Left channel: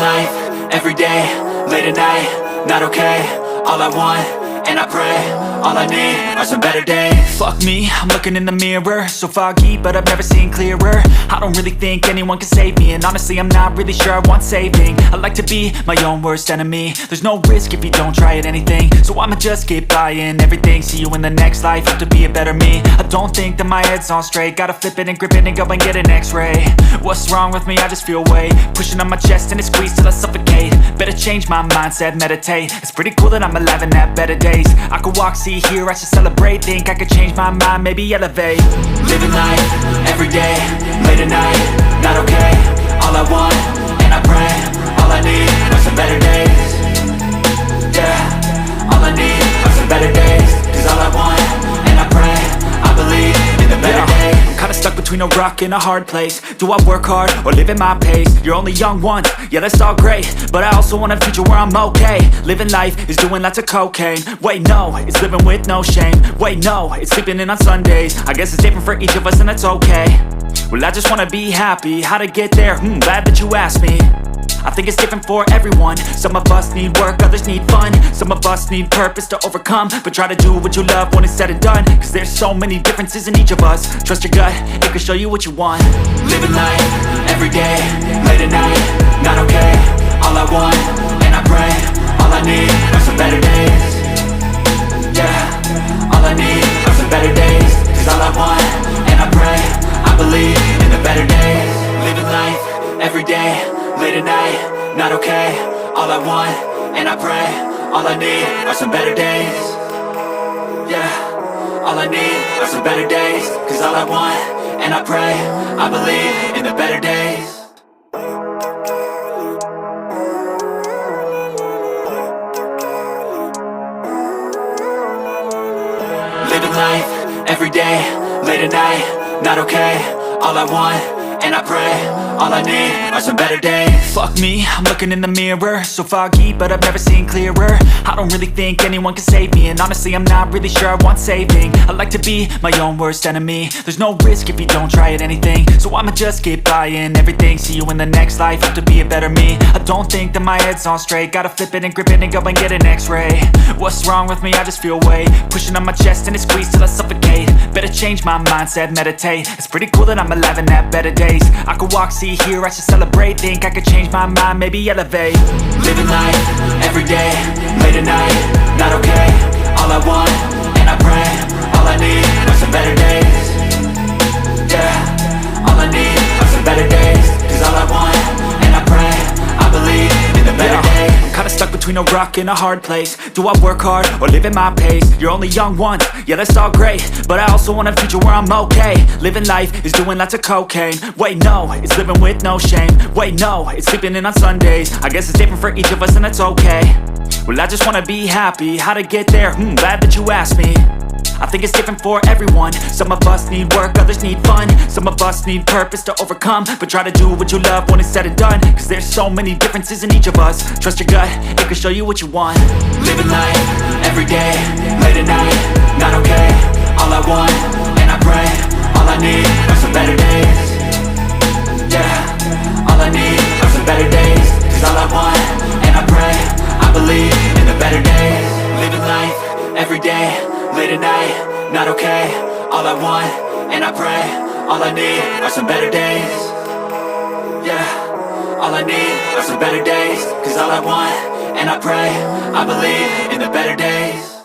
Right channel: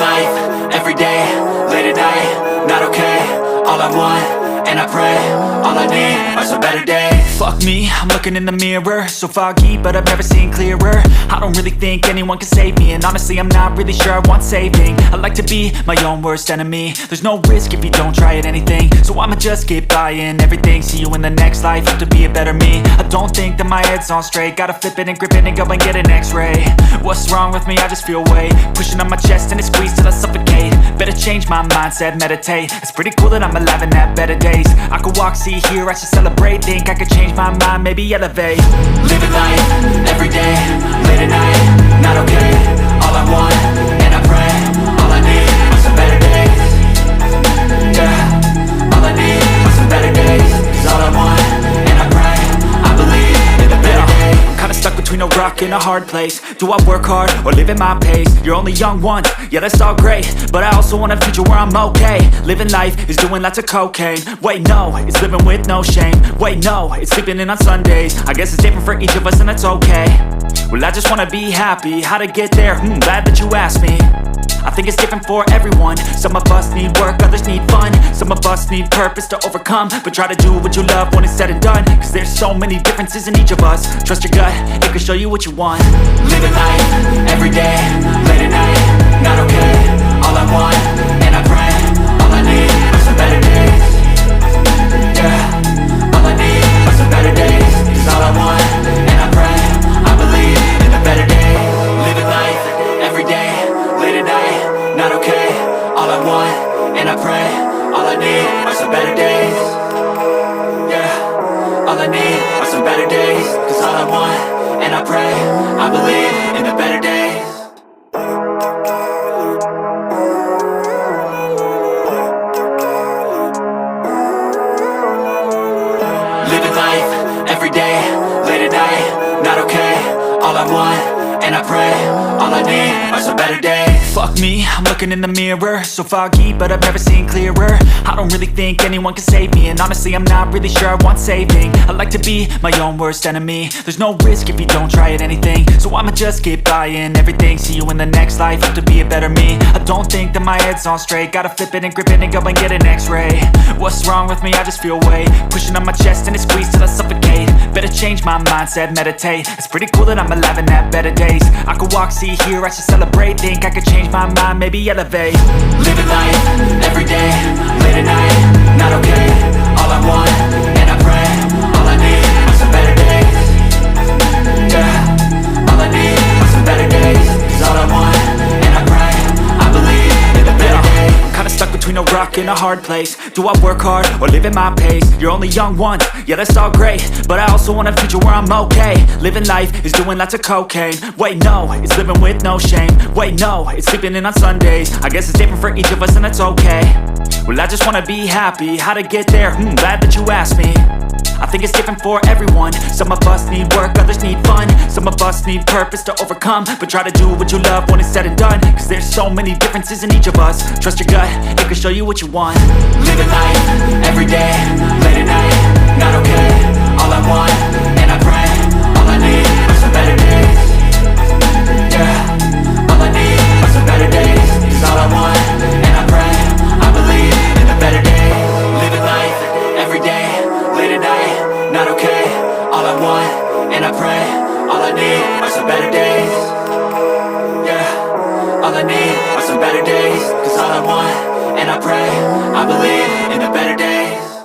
life, everyday, late at night, not okay. All I want, and I pray, all I need are some better days. Fuck me, I'm looking in the mirror, so foggy, but I've never seen clearer. I don't really think anyone can save me, and honestly I'm not really sure I want saving. I like to be my own worst enemy. There's no risk if you don't try at anything, so I'ma just keep buying everything. See you in the next life, have to be a better me. I don't think that my head's on straight, gotta flip it and grip it and go and get an x-ray. What's wrong with me? I just feel weight pushing on my chest and it squeezes till I suffocate. Better change my mindset, meditate. It's pretty cool that I'm alive and have better days. I could walk, see, hear, I should celebrate. Think I could change my mind, maybe elevate. Living life, everyday, late at night, not okay. All I want, and I pray, all I need are some better days. Yeah, all I need are some better days. Cause all I want, and I pray, I believe in the better days. I'm kinda stuck between a rock and a hard place. Do I work hard or live at my pace? You're only young once, yeah that's all great, but I also want a future where I'm okay. Living life is doing lots of cocaine. Wait no, it's living with no shame. Wait no, it's sleeping in on Sundays. I guess it's different for each of us and that's okay. Well I just wanna be happy, how to get there? Glad that you asked me. I think it's different for everyone. Some of us need work, others need fun. Some of us need purpose to overcome. But try to do what you love when it's said and done. Cause there's so many differences in each of us. Trust your gut, it can show you what you want. Living life, everyday, late at night, not okay. All I want, and I pray, all I need are some better days. Yeah, all I need are some better days. Cause all I want, and I pray, I believe in the better days. Living life, everyday, late at night, not okay. All I want, and I pray, all I need are some better days. Yeah, all I need are some better days. Cause all I want, and I pray, I believe in the better days. Living life, everyday, late at night, not okay. All I want, and I pray, all I need are some better days. Fuck me, I'm looking in the mirror, so foggy, but I've never seen clearer. I don't really think anyone can save me, and honestly I'm not really sure I want saving. I like to be my own worst enemy. There's no risk if you don't try at anything, so I'ma just keep buying everything. See you in the next life, have to be a better me. I don't think that my head's on straight, gotta flip it and grip it and go and get an x-ray. What's wrong with me? I just feel weight pushing on my chest and it squeezes till I suffocate. Better change my mindset, meditate. It's pretty cool that I'm alive and have better days. I could walk, see, hear, I should celebrate. Think I could change my mind, maybe elevate. Living life, everyday, late at night, not okay. All I want, and I pray, all I need are some better days. Yeah, all I need are some better days. Cause all I want, and I pray, I believe in the better days. I'm kinda stuck between a rock and a hard place. Do I work hard or live at my pace? You're only young once, yeah that's all great, but I also want a future where I'm okay. Living life is doing lots of cocaine. Wait no, it's living with no shame. Wait no, it's sleeping in on Sundays. I guess it's different for each of us and that's okay. Well I just wanna be happy, how to get there? Glad that you asked me. I think it's different for everyone. Some of us need work, others need fun. Some of us need purpose to overcome. But try to do what you love when it's said and done. Cause there's so many differences in each of us. Trust your gut, it can show you what you want. Living life, everyday, late at night, not okay. All I want, and I pray, all I need are some better days. Yeah, all I need are some better days. Cause all I want, and I pray, I believe in the better days. Living life, everyday, late at night, not okay. All I want, and I pray, all I need are some better days. Yeah, all I need are some better days. Cause all I want, and I pray, I believe in the better days.